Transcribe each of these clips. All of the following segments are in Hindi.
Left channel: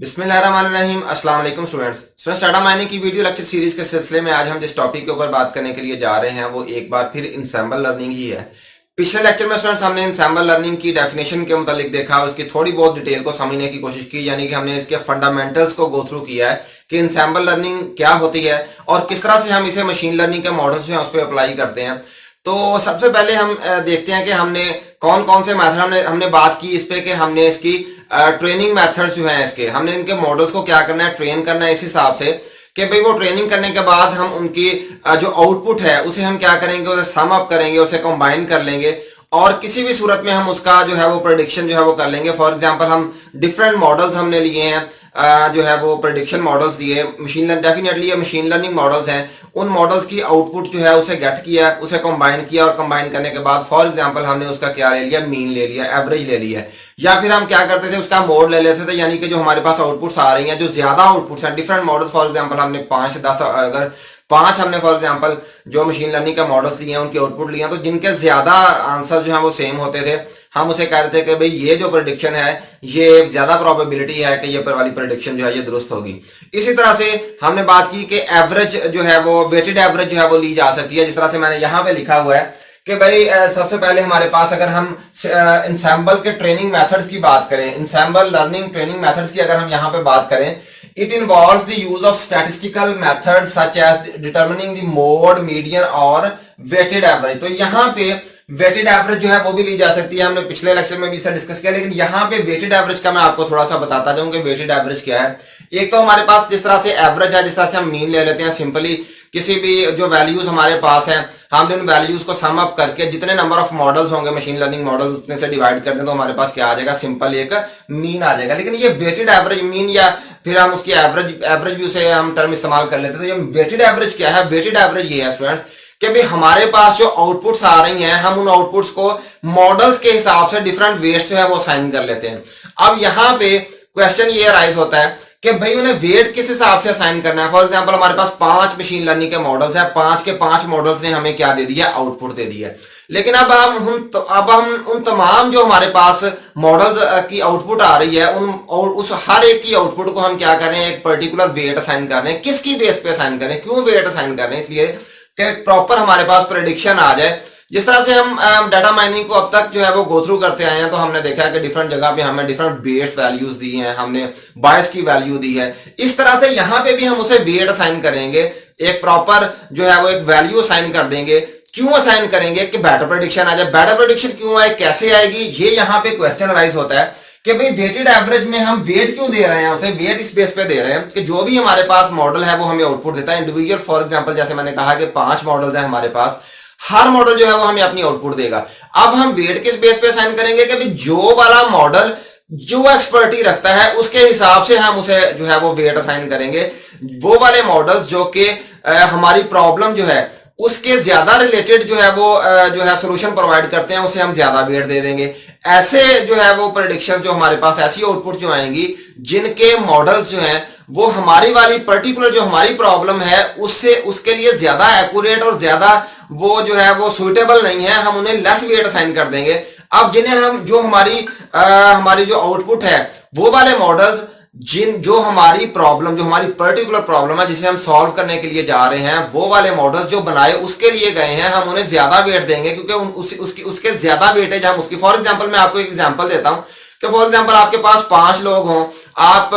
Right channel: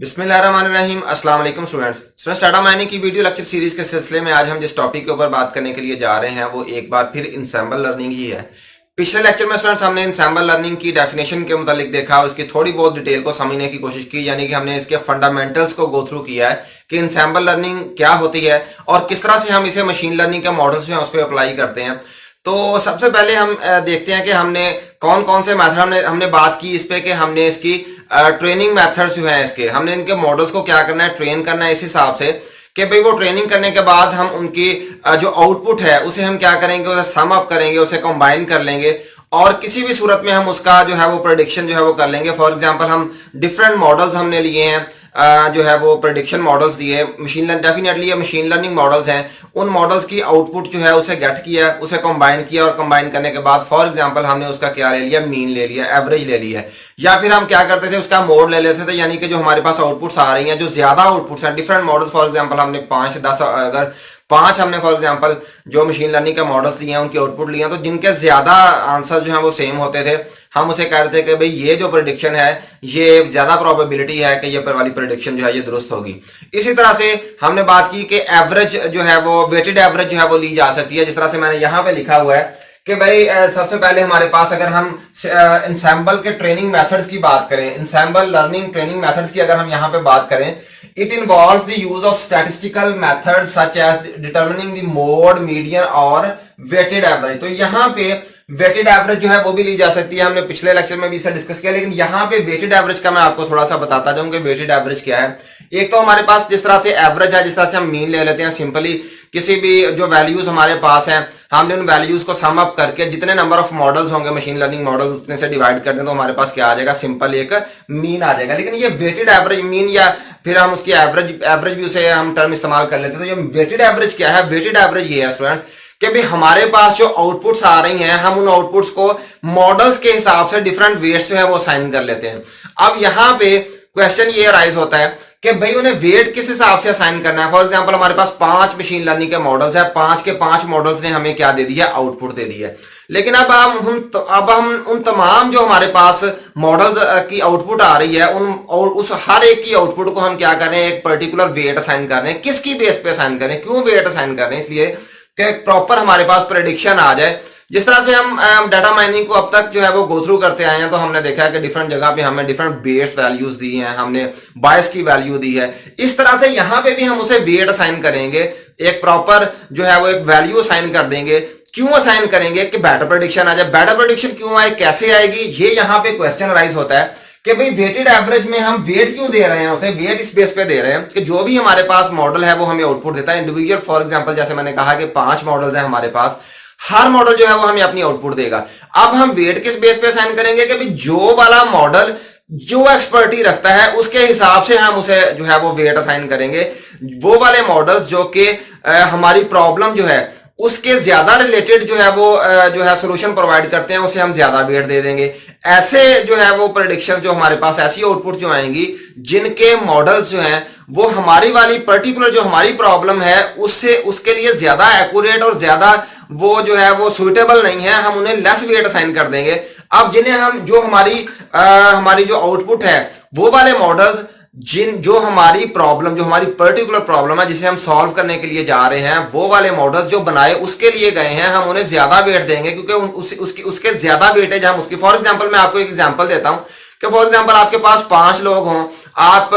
बिस्मिल्लाहिर्रहमानिर्रहीम। अस्सलाम वालेकुम स्टूडेंट्स। डाटा माइनिंग की वीडियो लेक्चर सीरीज के सिलसिले में आज हम जिस टॉपिक के ऊपर बात करने के लिए जा रहे हैं वो एक बार फिर इंसैम्बल लर्निंग ही है। पिछले लेक्चर में स्टूडेंट्स हमने इंसैम्बल लर्निंग की डेफिनेशन के मुतालिक देखा, उसकी थोड़ी बहुत डिटेल को समझने की कोशिश की, यानी कि हमने इसके फंडामेंटल्स को गो थ्रू किया है कि इंसैम्बल लर्निंग क्या होती है और किस तरह से हम इसे मशीन लर्निंग के मॉडल्स जो है उस पर अप्लाई करते हैं। तो सबसे पहले हम देखते हैं कि हमने कौन कौन से मेथड हमने बात की इस पे कि हमने इसकी ट्रेनिंग मेथड्स जो हैं इसके हमने इनके मॉडल्स को क्या करना है, ट्रेन करना है इस हिसाब से कि भाई वो ट्रेनिंग करने के बाद हम उनकी जो आउटपुट है उसे हम क्या करेंगे, उसे सम अप करेंगे, उसे कंबाइन कर लेंगे और किसी भी सूरत में हम उसका जो है वो प्रेडिक्शन जो है वो कर लेंगे। फॉर एग्जांपल हम डिफरेंट मॉडल्स हमने लिए हैं, जो है वो प्रेडिक्शन मॉडल्स दिए, मशीन लर्निंग डेफिनेटली ये मशीन लर्निंग मॉडल्स हैं। उन मॉडल्स की आउटपुट जो है उसे गेट किया, उसे कंबाइन किया और कंबाइन करने के बाद फॉर एग्जांपल हमने उसका क्या ले लिया, मीन ले लिया, एवरेज ले लिया। या फिर हम क्या करते थे, उसका मोड ले लेते थे, यानी कि जो हमारे पास आउटपुट्स आ रही हैं, जो ज्यादा आउटपुट्स हैं डिफरेंट मॉडल्स, फॉर एग्जांपल हमने 5-10 अगर 5 हमने फॉर एग्जांपल जो मशीन लर्निंग के मॉडल्स लिए हैं उनकी आउटपुट लिए हैं, तो जिनके ज्यादा आंसर जो है वो सेम होते थे, हम उसे कहते थे कि भाई ये जो प्रेडिक्शन है ये ज्यादा प्रोबेबिलिटी है कि ये पर वाली प्रेडिक्शन जो है ये दुरुस्त होगी। इसी तरह से हमने बात की कि एवरेज जो है वो वेटेड एवरेज जो है वो ली जा सकती है, जिस तरह से मैंने यहां पे लिखा हुआ है कि भाई सबसे पहले हमारे पास अगर हम इंसैम्बल के ट्रेनिंग मेथड्स की बात करें, इंसैम्बल लर्निंग ट्रेनिंग मेथड्स की अगर हम यहां पे बात करें, it involves the use of statistical methods such as determining the mode, median और वेटेड एवरेज। तो यहां पे वेटेड एवरेज जो है वो भी ली जा सकती है, हमने पिछले लेक्चर में भी इसे डिस्कस किया, लेकिन यहां पे वेटेड एवरेज का मैं आपको थोड़ा सा बताता जाऊं कि वेटेड एवरेज क्या है। एक तो हमारे पास जिस तरह से एवरेज है, जिस तरह से हम मीन ले लेते हैं, सिंपली किसी भी जो वैल्यूज हमारे पास हैं हमने उन वैल्यूज को सम अप करके जितने नंबर ऑफ मॉडल्स होंगे मशीन लर्निंग मॉडल्स उतने से डिवाइड कर दें तो हमारे पास क्या आ जाएगा, सिंपल एक मीन आ जाएगा। लेकिन ये वेटेड एवरेज मीन या फिर हम उसकी एवरेज भी उसे हम टर्म इस्तेमाल कर लेते हैं। तो ये वेटेड एवरेज क्या है, वेटेड एवरेज ये है स्टूडेंट्स कि भी हमारे पास जो आउटपुट्स आ रही हैं हम उन आउटपुट्स को मॉडल्स के हिसाब से डिफरेंट वेट्स जो है वो असाइन कर लेते हैं। अब यहां पे क्वेश्चन ये राइज होता है कि भाई उन्हें वेट किस हिसाब से असाइन करना है। फॉर एग्जांपल हमारे पास 5 मशीन लर्निंग के मॉडल्स हैं, 5 के 5 मॉडल्स ने हमें क्या दे दिया, आउटपुट दे दिया। लेकिन अब हम उन तमाम जो हमारे पास मॉडल्स की आउटपुट आ रही है उन और उस हर एक की आउटपुट को हम क्या कर रहे हैं, एक पर्टिकुलर वेट असाइन कर रहे हैं। किसकी बेस पे असाइन कर रहे हैं, क्यों वेट असाइन कर रहे हैं, इसलिए कि प्रॉपर हमारे पास प्रेडिक्शन आ जाए। जिस तरह से हम डाटा माइनिंग को अब तक जो है वो गो थ्रू करते आए हैं, तो हमने देखा है कि डिफरेंट जगह पे हमें डिफरेंट बेस वैल्यूज दी हैं, हमने बायस की वैल्यू दी है। इस तरह से यहां पे भी हम उसे वेट असाइन करेंगे, एक प्रॉपर जो है वो एक वैल्यू असाइन कर देंगे। क्यों असाइन करेंगे कि बेटर प्रेडिक्शन आ जाए। बेटर प्रेडिक्शन क्यों आए, कैसे आएगी, ये यहां पे क्वेश्चन राइज होता है कि भाई वेटेड एवरेज में हम वेट क्यों दे रहे हैं, उसे वेट इस बेस पे दे रहे हैं कि जो भी हमारे पास मॉडल है वो हमें आउटपुट देता है इंडिविजुअल। फॉर एग्जांपल जैसे मैंने कहा कि 5 मॉडल्स हैं हमारे पास, हर मॉडल जो है वो हमें अपनी आउटपुट देगा। अब हम वेट किस बेस पे असाइन करेंगे कि भाई जो वाला मॉडल जो एक्सपर्टी रखता है उसके हिसाब से हम उसे जो है वो वेट असाइन करेंगे। वो वाले मॉडल्स जो कि हमारी प्रॉब्लम जो है उसके ज्यादा रिलेटेड जो है वो जो है सोल्यूशन प्रोवाइड करते हैं उसे हम ज्यादा वेट दे देंगे। ऐसे जो है वो प्रेडिक्शन जो हमारे पास, ऐसी आउटपुट जो आएंगी जिनके मॉडल्स जो हैं वो हमारी वाली पर्टिकुलर जो हमारी प्रॉब्लम है उससे उसके लिए ज्यादा एक्यूरेट और ज्यादा वो जो है वो सुइटेबल नहीं है, हम उन्हें लेस वेट असाइन कर देंगे। अब जिन्हें हम जो हमारी जो आउटपुट है वो वाले मॉडल्स जो हमारी प्रॉब्लम, जो हमारी पर्टिकुलर प्रॉब्लम है जिसे हम सॉल्व करने के लिए जा रहे हैं, वो वाले मॉडल्स जो बनाए उसके लिए गए हैं, हम उन्हें ज्यादा वेट देंगे क्योंकि उसके ज्यादा वेटेज हम उसकी। फॉर एग्जांपल मैं आपको एक एग्जांपल देता हूं कि फॉर एग्जांपल आपके पास 5 लोग हों, आप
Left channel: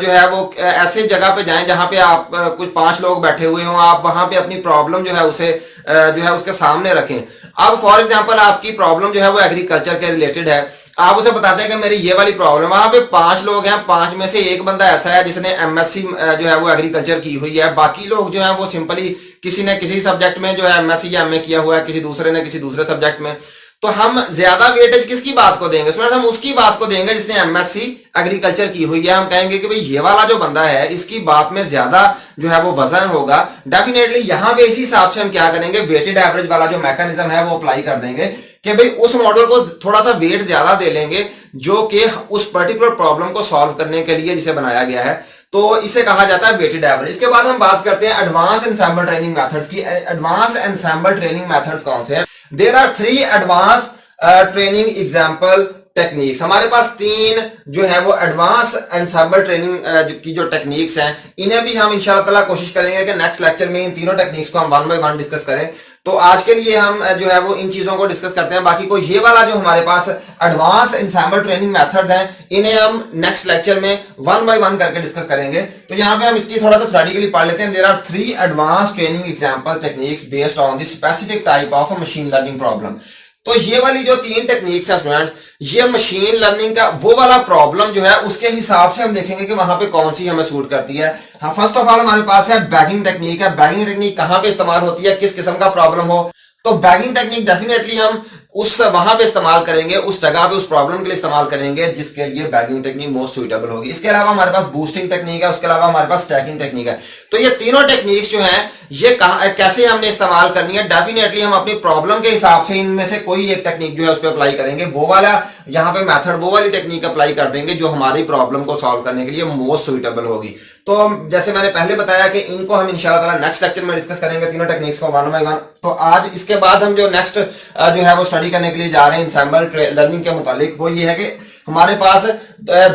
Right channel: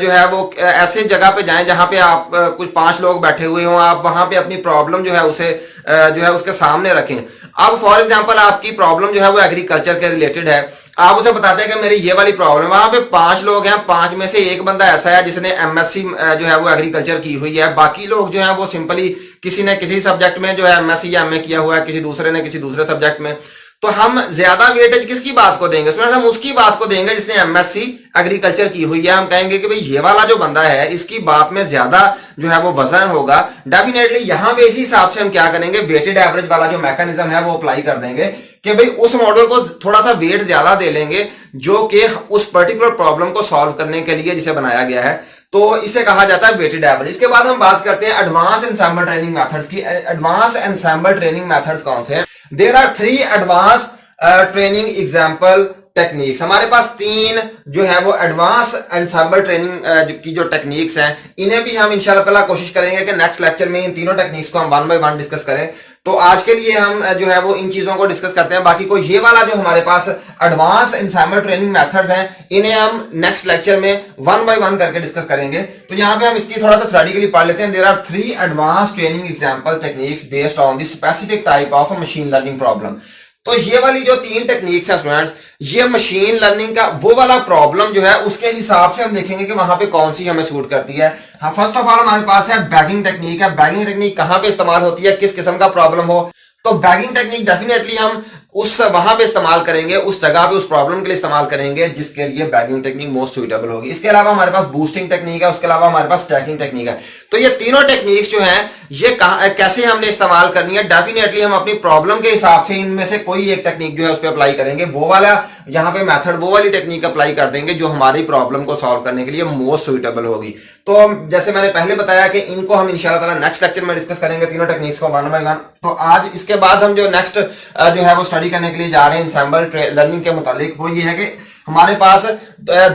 जो है वो ऐसे जगह पे जाएं जहां पे आप कुछ 5 लोग बैठे हुए हों, आप वहां पे अपनी प्रॉब्लम जो है उसे जो है उसके सामने रखें। अब फॉर एग्जांपल आपकी प्रॉब्लम जो है वो एग्रीकल्चर के रिलेटेड है, आप उसे बताते हैं कि मेरी ये वाली प्रॉब्लम, वहां पे 5 लोग हैं, 5 में से एक बंदा ऐसा है जिसने एमएससी जो है वो एग्रीकल्चर की हुई है, बाकी लोग जो है वो सिंपली किसी ने किसी सब्जेक्ट में जो है एमएससी या एमए किया हुआ है, किसी दूसरे ने किसी दूसरे सब्जेक्ट में। तो हम ज्यादा वेटेज किसकी बात को देंगे, सुना हम उसकी बात को देंगे जिसने एमएससी एग्रीकल्चर की हुई है। हम कहेंगे कि भाई ये वाला जो बंदा है इसकी बात में ज्यादा जो है वो वजन होगा। डेफिनेटली यहां पे इसी हिसाब से हम क्या करेंगे, वेटेड एवरेज वाला जो मैकेनिज्म है वो अप्लाई कर देंगे कि भाई उस मॉडल को थोड़ा सा वेट ज्यादा दे लेंगे जो कि उस पर्टिकुलर प्रॉब्लम को सॉल्व करने के लिए जिसे बनाया गया है। तो इसे कहा जाता है वेटेड एवरेज। इसके बाद हम बात करते हैं एडवांस एंसेंबल ट्रेनिंग मेथड्स की। एडवांस एंसेंबल ट्रेनिंग मेथड्स कौन से हैं? There are 3 advance training example techniques, हमारे पास तीन जो है वो एडवांस एंसेंबल ट्रेनिंग की जो टेक्निक्स हैं, इन्हें भी हम इंशाल्लाह ताला कोशिश करेंगे कि नेक्स्ट लेक्चर में इन तीनों टेक्निक्स को हम वन बाय वन डिस्कस करें। तो आज के लिए हम जो है वो इन चीजों को डिस्कस करते हैं। बाकी को ये वाला जो हमारे पास एडवांस एंसेंबल ट्रेनिंग मेथड्स हैं, इन्हें हम नेक्स्ट लेक्चर में वन बाय वन करके डिस्कस करेंगे। तो यहाँ पे हम इसकी थोड़ा सा थ्योरेटिकली पढ़ लेते हैं। There are 3 advance training example techniques based on the specific type of machine learning problem. तो ये वाली जो 3 टेक्निक्स हैं स्टूडेंट्स, ये मशीन लर्निंग का वो वाला प्रॉब्लम जो है उसके हिसाब से हम देखेंगे कि वहां पे कौन सी हमें सूट करती है। हाँ, फर्स्ट ऑफ ऑल हमारे पास है बैगिंग टेक्निक है। बैगिंग टेक्निक कहां पे इस्तेमाल होती है, किस किस्म का प्रॉब्लम हो, तो बैगिंग टेक्निक डेफिनेटली हम उस वहां पे इस्तेमाल करेंगे, उस जगह पे उस प्रॉब्लम के लिए इस्तेमाल करेंगे जिसके लिए बैगिंग टेक्निक मोस्ट सुइटेबल होगी। इसके अलावा हमारे पास बूस्टिंग टेक्निक है, उसके अलावा हमारे पास स्टैकिंग टेक्निक है। तो ये तीनों टेक्निक्स जो हैं ये कैसे हमने इस्तेमाल करनी है, डेफिनेटली हम अपनी प्रॉब्लम के हिसाब से इनमें से कोई एक टेक्निक जो है उस पर अप्लाई करेंगे। वो वाला यहाँ पे मेथड, वो वाली टेक्निक अप्लाई कर देंगे जो हमारी प्रॉब्लम को सॉल्व करने के लिए मोस्ट सुइटेबल होगी। तो जैसे मैंने पहले बताया कि इनको हम इंशाल्लाह ताला नेक्स्ट लेक्चर में डिस्कस करेंगे, तीनों टेक्निक्स को वन बाय वन। तो आज इसके बाद हम जो नेक्स्ट जो है वो स्टडी करने के लिए जा रहे हैं एंसेंबल लर्निंग के मुतालिक, वो ये है कि हमारे पास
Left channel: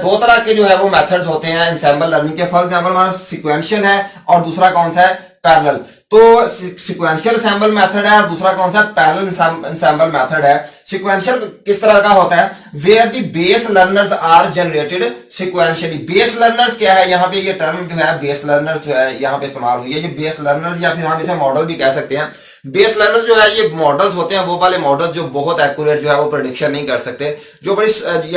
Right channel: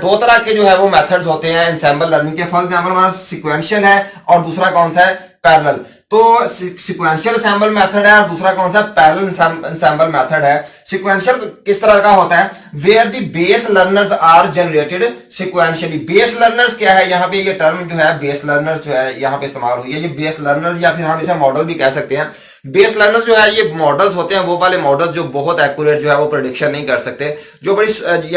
2 तरह के जो है वो मेथड्स होते हैं एंसेंबल लर्निंग के। फॉर एग्जांपल हमारा सीक्वेंशियल है और दूसरा कौन सा है, पैरेलल। तो सीक्वेंशियल एंसेंबल मेथड है और दूसरा कौन सा, पैरेलल एंसेंबल मेथड है। सीक्वेंशियल किस तरह का होता है, where the base learners are generated sequentially. Base learners क्या है, यहाँ पे ये टर्म जो है बेस लर्नर्स जो है यहाँ पे इस्तेमाल हुई है। ये बेस लर्नर्स या फिर हम इसे मॉडल भी कह सकते हैं। बेस लर्नर्स जो है ये मॉडल्स होते हैं, वो वाले मॉडल्स जो बहुत एक्यूरेट जो है वो प्रेडिक्शन नहीं कर सकते, जो बड़ी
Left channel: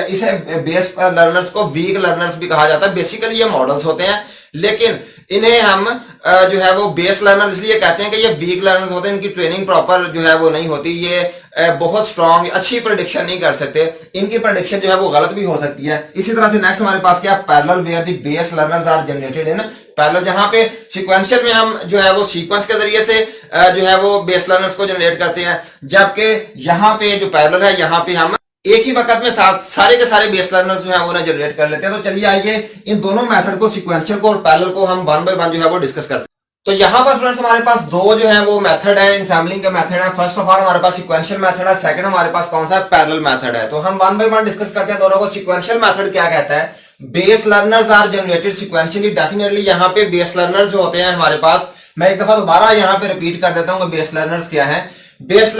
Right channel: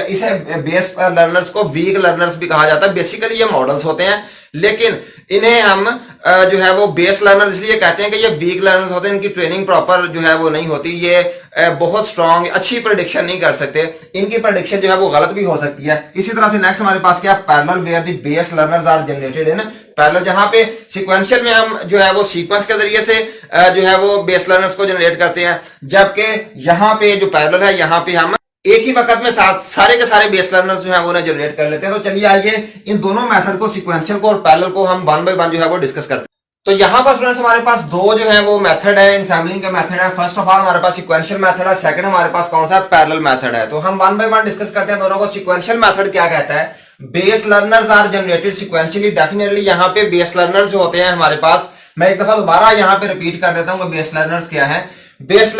इसे बेस लर्नर्स को वीक लर्नर्स भी कहा जाता है। बेसिकली ये मॉडल्स होते हैं, लेकिन इन्हें हम जो है वो बेस लर्नर इसलिए कहते हैं कि ये वीक लर्नर्स होते हैं, इनकी ट्रेनिंग प्रॉपर जो है वो नहीं होती, ये बहुत स्ट्रॉन्ग अच्छी प्रेडिक्शन नहीं कर सकते, इनकी प्रेडिक्शन जो है वो गलत भी हो सकती है। इसी तरह से नेक्स्ट हमारे पास क्या, parallel where the base learners are generated in parallel. जहां पे सीक्वेंशियल में हम जो है वो सीक्वेंस के जरिए से जो है वो बेस लर्नर्स को जनरेट करते हैं, जबकि यहाँ पे जो पैरेलल है यहाँ पे हम एक ही वक्त में सारे के सारे बेस लर्नर्स जो है वो जनरेट कर लेते हैं। तो चलिए आइए इन दोनों मेथड को, सीक्वेंशियल को और पैरेलल को, हम वन बाय वन जो है वो डिस्कस करते हैं। तो यहाँ पर स्टूडेंट्स हमारे पास 2 जो है वो मेथड है एंसेंबलिंग का मेथड है। फर्स्ट ऑफ ऑल हमारे पास सीक्वेंशियल मेथड है, सेकंड हमारे पास कौन सा है, पैरेलल मेथड है। तो हम वन बाय वन डिस्कस करते हैं दोनों को। सीक्वेंशियल मेथड क्या कहता है, base learners are generated sequentially. Definitely यहाँ पे बेस लर्नर्स जो होते हैं हमारे पास, मैं एक दफा दोबारा यहाँ पे रिपीट कर देता हूँ कि बेस लर्नर्स क्या है। बेस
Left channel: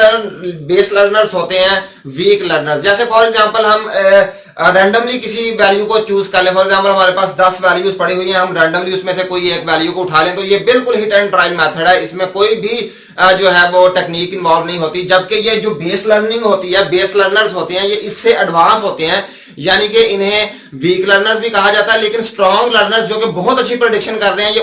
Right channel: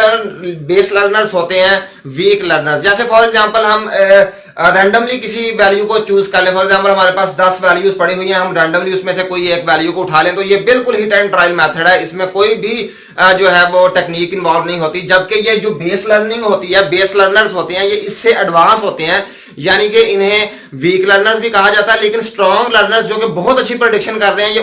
लर्नर्स होते हैं वीक लर्नर्स। जैसे फॉर एग्जांपल हम रैंडमली किसी वैल्यू को चूज कर ले, फॉर एग्जांपल हमारे पास 10 वैल्यूज पड़ी हुई हैं, हम रैंडमली उसमें से कोई एक वैल्यू को उठा लें, तो ये बिल्कुल हिट एंड ट्रायल मेथड है, इसमें कोई भी जो है वो टेक्निक इन्वॉल्व नहीं होती। जबकि ये जो बेस लर्निंग होती है, बेस लर्नर्स होते हैं, ये इससे एडवांस होते हैं, यानी कि इन्हें वीक लर्नर्स भी कहा जाता है। लेकिन स्ट्रॉन्ग लर्नर्स जो कि बहुत अच्छी प्रेडिक्शन कर रहे हैं, ये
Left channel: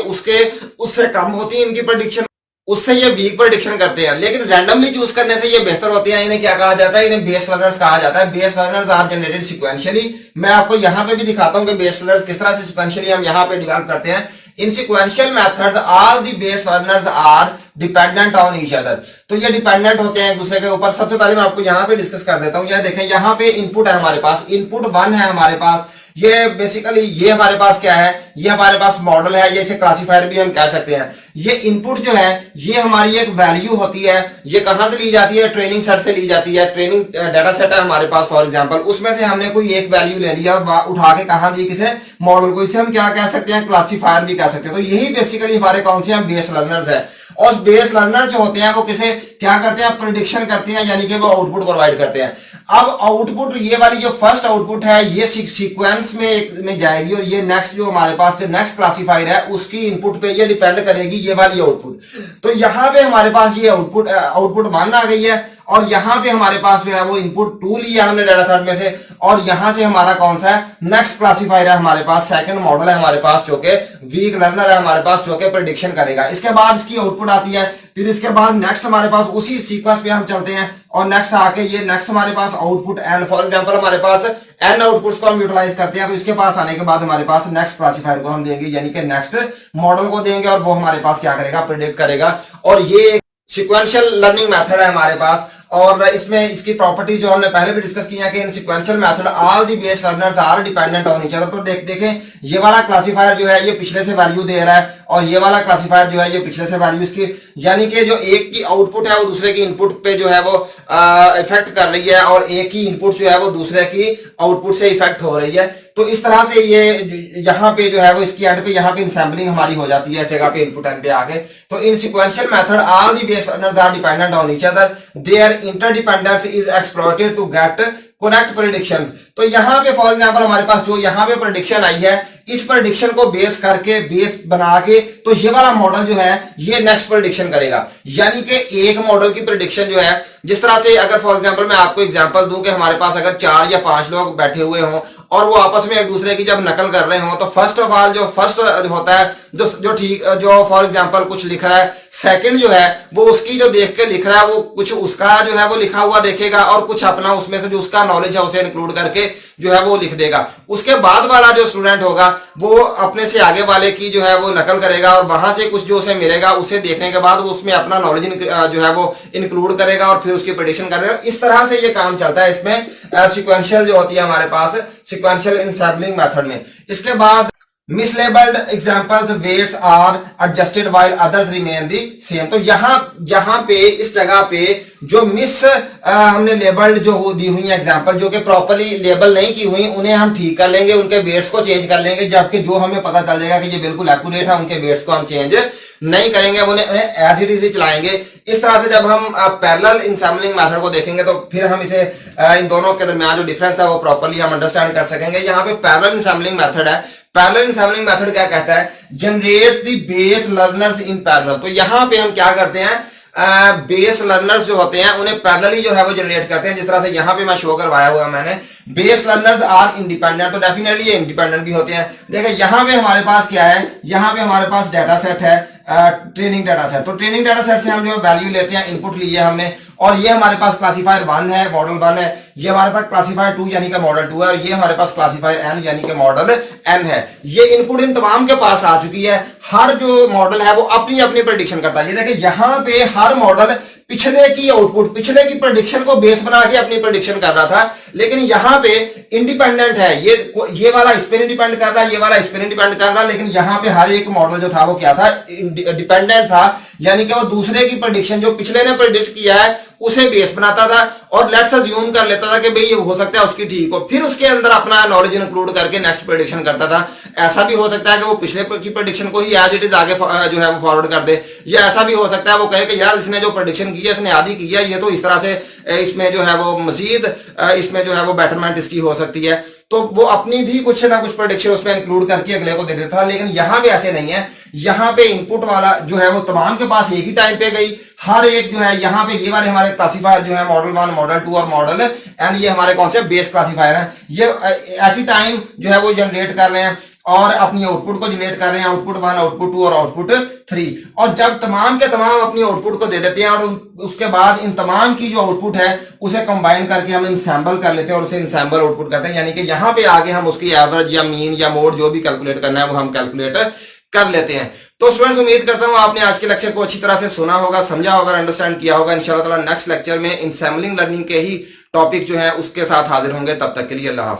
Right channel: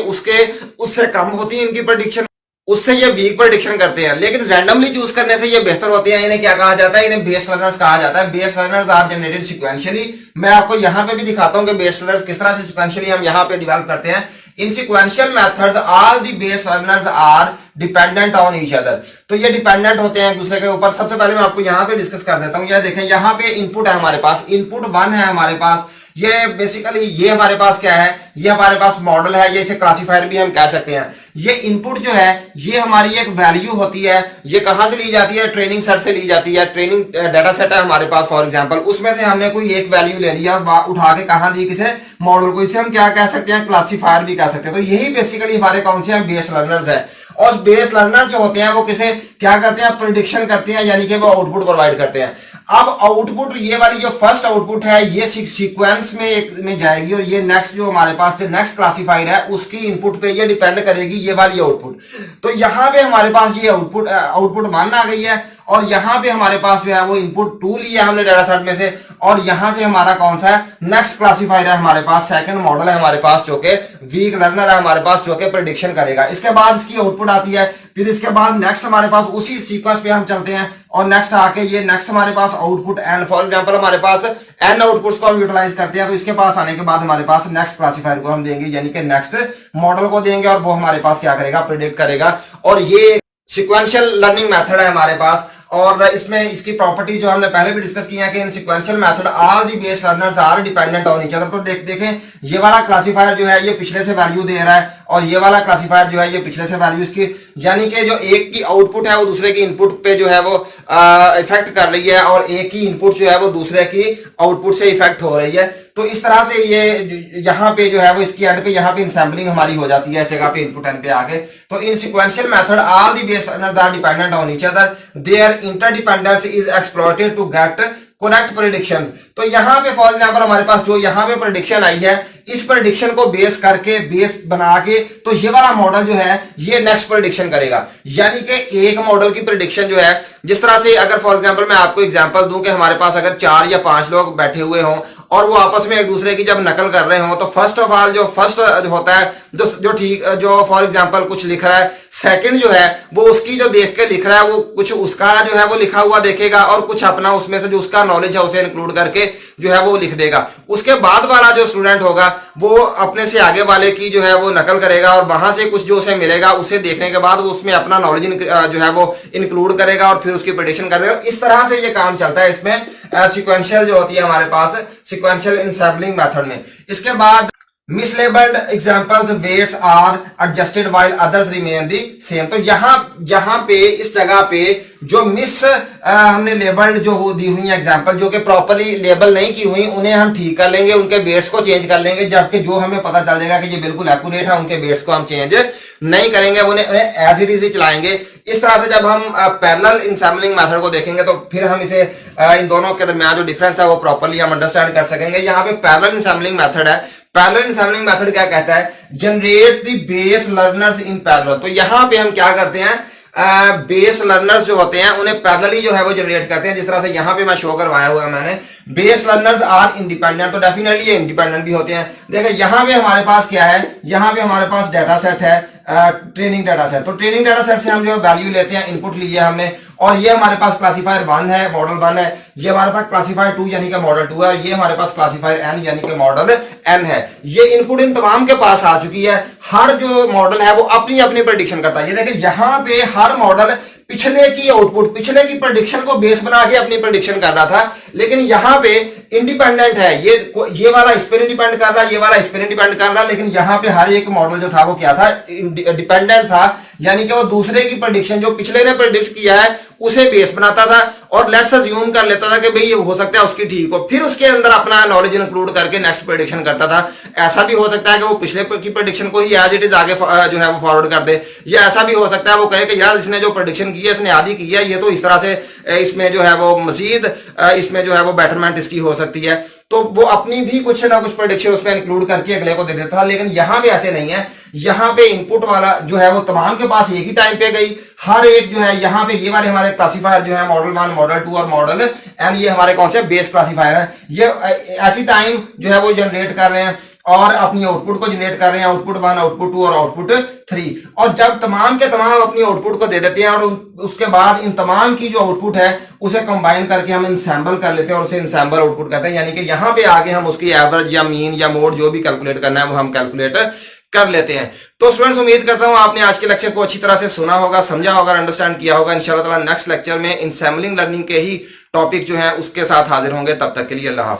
उससे कम होती है इनकी प्रेडिक्शन, उससे ये वीक प्रेडिक्शन करते हैं। लेकिन रैंडमली चूज करने से ये बेहतर होते हैं। इन्हें क्या कहा जाता है, इन्हें बेस लर्नर्स कहा जाता है। Base learners are generated sequentially. मैं आपको यहां पे भी दिखाता हूं कि बेस लर्नर्स किस तरह से सीक्वेंशियली हम यहां पे डेवलप करते हैं। In sequential methods all the base learners are dependent on each other. तो ये डिपेंडेंट होते हैं एक दूसरे के ऊपर। सबसे पहले मैं आपको यहाँ पे डिस्कस कर देता हूँ। यह देखें, यहाँ पे इनपुट है हमारे पास, इनपुट 1 है हमारे पास। ये बेसिकली ये हमारे पास क्या है, ये हमारे पास मॉडल है, ये इसे क्लासीफायर भी हम कह सकते हैं। ये इनपुट जो है ये हमारी एक वैल्यू होती है। ये कहां से ली जाती है, ट्रेनिंग सेट से ली जाती है। ट्रेनिंग डाटा सेट है हमारे पास फॉर एग्जांपल, उसमें से हमने कोई एक वैल्यू ले लिया, उठा के कहां दी, किसे, मॉडल को। इसे हम क्या कह सकते हैं, क्लासीफायर भी कह सकते हैं। तो यही बेसिकली हमारे कौन से हैं, बेस लर्नर्स है। और बेस लर्नर जो होते हैं वो किसे क्या करते हैं, प्रेडिक्शन करते हैं, यानी कि वो आउटपुट प्रोवाइड करते हैं। अब आउटपुट, ये वाली जो फर्स्ट आउटपुट है ये सीक्वेंस में जाएगी, और ये नेक्स्ट जो हमारे पास जो नेक्स्ट क्लासीफायर है उसकी इनपुट पे ये डिपेंड करेगी ये वाली आउटपुट। तो यहां पे हमारे पास ये आउटपुट 1 आ गई है, और यहां पे हमारे पास जो है वो इनपुट 2 लिया हमने डाटा सेट में से, और यहां से हमारा कौन सा है, नेक्स्ट क्लासीफायर है हमारे पास, सेकंड मॉडल है हमारे पास जो कि वीक लर्नर है हमारे पास, जो कि प्रेडिक्शन करेगा। इसके बाद इसकी आउटपुट आती है, फिर इसके बाद नेक्स्ट हमारे पास उसी सीक्वेंस पे हम चलते हैं, और नेक्स्ट आके ये नेक्स्ट हमारे पास आउटपुट एन, फॉर एग्जांपल हमारे पास एन आउटपुट्स को हम यूटिलाइज करते हैं। तो इसके पास आने के बाद हमारे पास नेक्स्ट क्लासीफायर को हम देंगे, यानी कि नेक्स्ट मॉडल को देंगे, और वो हमारे पास क्या करेगा, प्रेडिक्ट करेगा। और ये सीक्वेंशियल लर्निंग मेथड है हमारे पास। और इसमें इसकी प्रॉपर्टी जो हमने पहले भी डिस्कस किया कि in sequential method all the base learners are dependent on each other. तो देखें ये वाला क्लासीफायर जो है ये पिछले से वैल्यू दे रहा है और ये वाला क्लासीफायर जो है ये पिछले से वैल्यू इसकी, यानी कि जो एक की आउटपुट है वो दूसरे की इनपुट पे जो है वो इफेक्ट कर रही है और एक की इनपुट जो है वो दूसरे की आउटपुट से इफेक्ट हो रही है। तो इस तरह से ये यहाँ पे जो है वो इसकी एड पे यहाँ पे इंसैम्पलिंग हमारी हो जाती है इस जगह पे इनपुट एन पे आके। तो in sequential method all the base learners are dependent on each other, there interdependence is exploited to get correct predictions. तो यहाँ पे फॉर एग्जांपल हमारे पास जो यहाँ पे प्रेडिक्शन आई है, इस प्रेडिक्शन को बेस करके बेस बना के तो ये वाला मॉडल जो है ये नेक्स्ट प्रेडिक्शन करेगा। यानी कि एक मॉडल की प्रेडिक्शन जो है, जिस तरह से अगर फॉर एग्जांपल मैं आपको एग्जांपल दूं कि हमारे पास अगर 4 या 5 लोग बैठे हुए हों और वो आपस में एक दूसरे की जब नकल कर रहे हो, तो फर्स्ट ऑफ ऑल जो फर्स्ट होता है जो ठीक जो फॉर एग्जांपल कुछ लिख रहा है, सेकंड जो है वो उसकी जो देख के लिख रहा है वो कुछ उसका जो है वो लिखा हुआ देखेगा और कुछ अपना उसमें से जो उसका नॉलेज है उसे इंक्लूड करके जो है वो लिख देगा। उसके बाद वाला जो स्टूडेंट होगा वो अपने से आगे वाले की जो है वो नकल करेगा और वहां से कुछ जो उसे मिलेगा उसे देखने के बाद वो उसमें अपना नॉलेज जो है वो इंक्लूड करेगा और फिर उसकी प्रेडिक्शन करेगा। इस तरह से ये काम चलता है इसमें सीक्वेंशियल जो होती है हमारे पास सीक्वेंशियल इनसैम्पलिंग मेथड में। इसके बाद mislabelled examples weights are adjusted while others remain the same. तो यहाँ पे इस जगह पे जो हमने लेबल्ड जो दी हुई एग्जांपल जो कि प्रॉपर्ली लेबल नहीं की हुई उन्हें हम ठीक कर लेंगे, उनके वेट्स को चेंज कर लेंगे, जबकि जो हमें पता चल जाएगा कि ये बिल्कुल एक्यूरेट है उनके वेट्स को हम चेंज नहीं करेंगे, उन्हें एज इट इज ही चलाएंगे। इस तरह से जब हम पैरेलल इनसैम्पलिंग मेथड को देखेंगे तो फिर हम इसे इन दोनों के दरमियान जो डिफरेंस है वो प्रॉपर्ली हम अंडरस्टैंड कर सकेंगे। यहाँ पे पैरेलल इनसैम्पलिंग मेथड है, पैरेलल इनसैम्पलिंग मेथड क्या कहता है, generates the base learners in parallel. तो यहाँ पे हम क्या करते हैं, बेस लर्नर्स जो होते हैं उन्हें पैरेलली जो है वो जनरेट करते हैं। जिस तरह से यहाँ पे मैं शो करवाया हुआ मैंने, बेस लर्नर्स आर इंडिपेंडेंट, तो डेफिनेटली ये इंडिपेंडेंट भी होते हैं। देखिए यहाँ पे हमारे पास क्या है, यहाँ पे हमारे पास डाटा सेट है, ट्रेनिंग डाटा सेट। तो ट्रेनिंग डाटा सेट से हम जो वैल्यू लेते हैं, इनपुट लिए हमने, और ये हमारे पास क्लासीफायर 1 है, मॉडल 1 है, ये हमारे पास क्लासीफायर 2 यानी कि मॉडल 2 है, और ये हमारे पास क्लासीफायर n यानी कि मॉडल n है। ये इनपुट इन तमाम के पास आ चुकी है। हर जो मॉडल है वो अपनी अपनी प्रेडिक्शन करता है। ये देखिए यहाँ पे हर मॉडल पिछले की आउटपुट, पिछले की प्रेडिक्शन को बेस बना के अपनी प्रेडिक्शन कर रहा था, लेकिन यहाँ पे इंडिपेंडेंट है। ये वाला इस पर डिपेंड कर रहा है, ये वाला इस पर डिपेंड कर रहा है, लेकिन यहाँ पे हर एक मॉडल जो था वो क्या था, डिपेंडेंट था। यानी कि वो दूसरे की प्रेडिक्शन जो पिछले ने प्रेडिक्ट किया है उसे बेस बनाता था और लेट्स अज्यूम कर लेता था कि भाई ये हो सकता है उसकी ठीक हो, फिर उसके अंदर अपना नॉलेज इंक्लूड करके नेक्स्ट प्रेडिक्शन करता था। ऐसा भी हो सकता है कि वो पिछले की प्रेडिक्शन को ही एज इट इज आगे जो है वो फॉरवर्ड कर दे, या ऐसा भी हो सकता है वो कहे कि यार इसने जो प्रेडिक्शन की है इसने आधी की है, ये तो इस तरह से इसमें जो है वो मजीद इसमें जो है वो बेटरमेंट इसकी हो सकती है। तो वो अपनी भी कुछ ना कुछ प्रेडिक्शन उसमें इंक्लूड करके अगले को दे देता था, लेकिन यहाँ पे ऐसे नहीं है। यहाँ पे इनपुट वाला जो है वो तमाम के पास एक ही टाइम पे गई, हर एक जो है यहाँ पे ये वाले हमारे क्लासीफायर जो है मॉडल 1, मॉडल 2 और मॉडल एंड ये हमारे कौन से बेस क्लासीफायर है, ये एट ए टाइम जो है वो जनरेट कर रहे हैं और अपनी आउटपुट को जनरेट कर रहे हैं, आउटपुट 1, आउटपुट 2 और आउटपुट 3। और जब तमाम के तमाम अपनी आउटपुट को दे देते हैं और उसके बाद इन तमाम की जो आउटपुट है उसे कंबाइन करके हम इंसैम्बल कर लेते हैं और उसे इंसैम्बल आउटपुट करते हैं। यानी कि यहाँ पे आगे हम उसकी एवरेज या मीन या मोड जो भी कैलकुलेट करना है वो हम कैलकुलेट कर लेते हैं। तो स्टूडेंट्स उम्मीद करता हूं आपने आज के लेक्चर को अच्छी तरह से सुना होगा, समझा होगा, अंडरस्टैंड किया होगा। इंशाल्लाह ताला नेक्स्ट लेक्चर में इंसैम्बलिंग लर्निंग के ही टॉपिक जो है उसके साथ हाजिर होंगे। तब तक के लिए अल्लाह हाफ़िज़।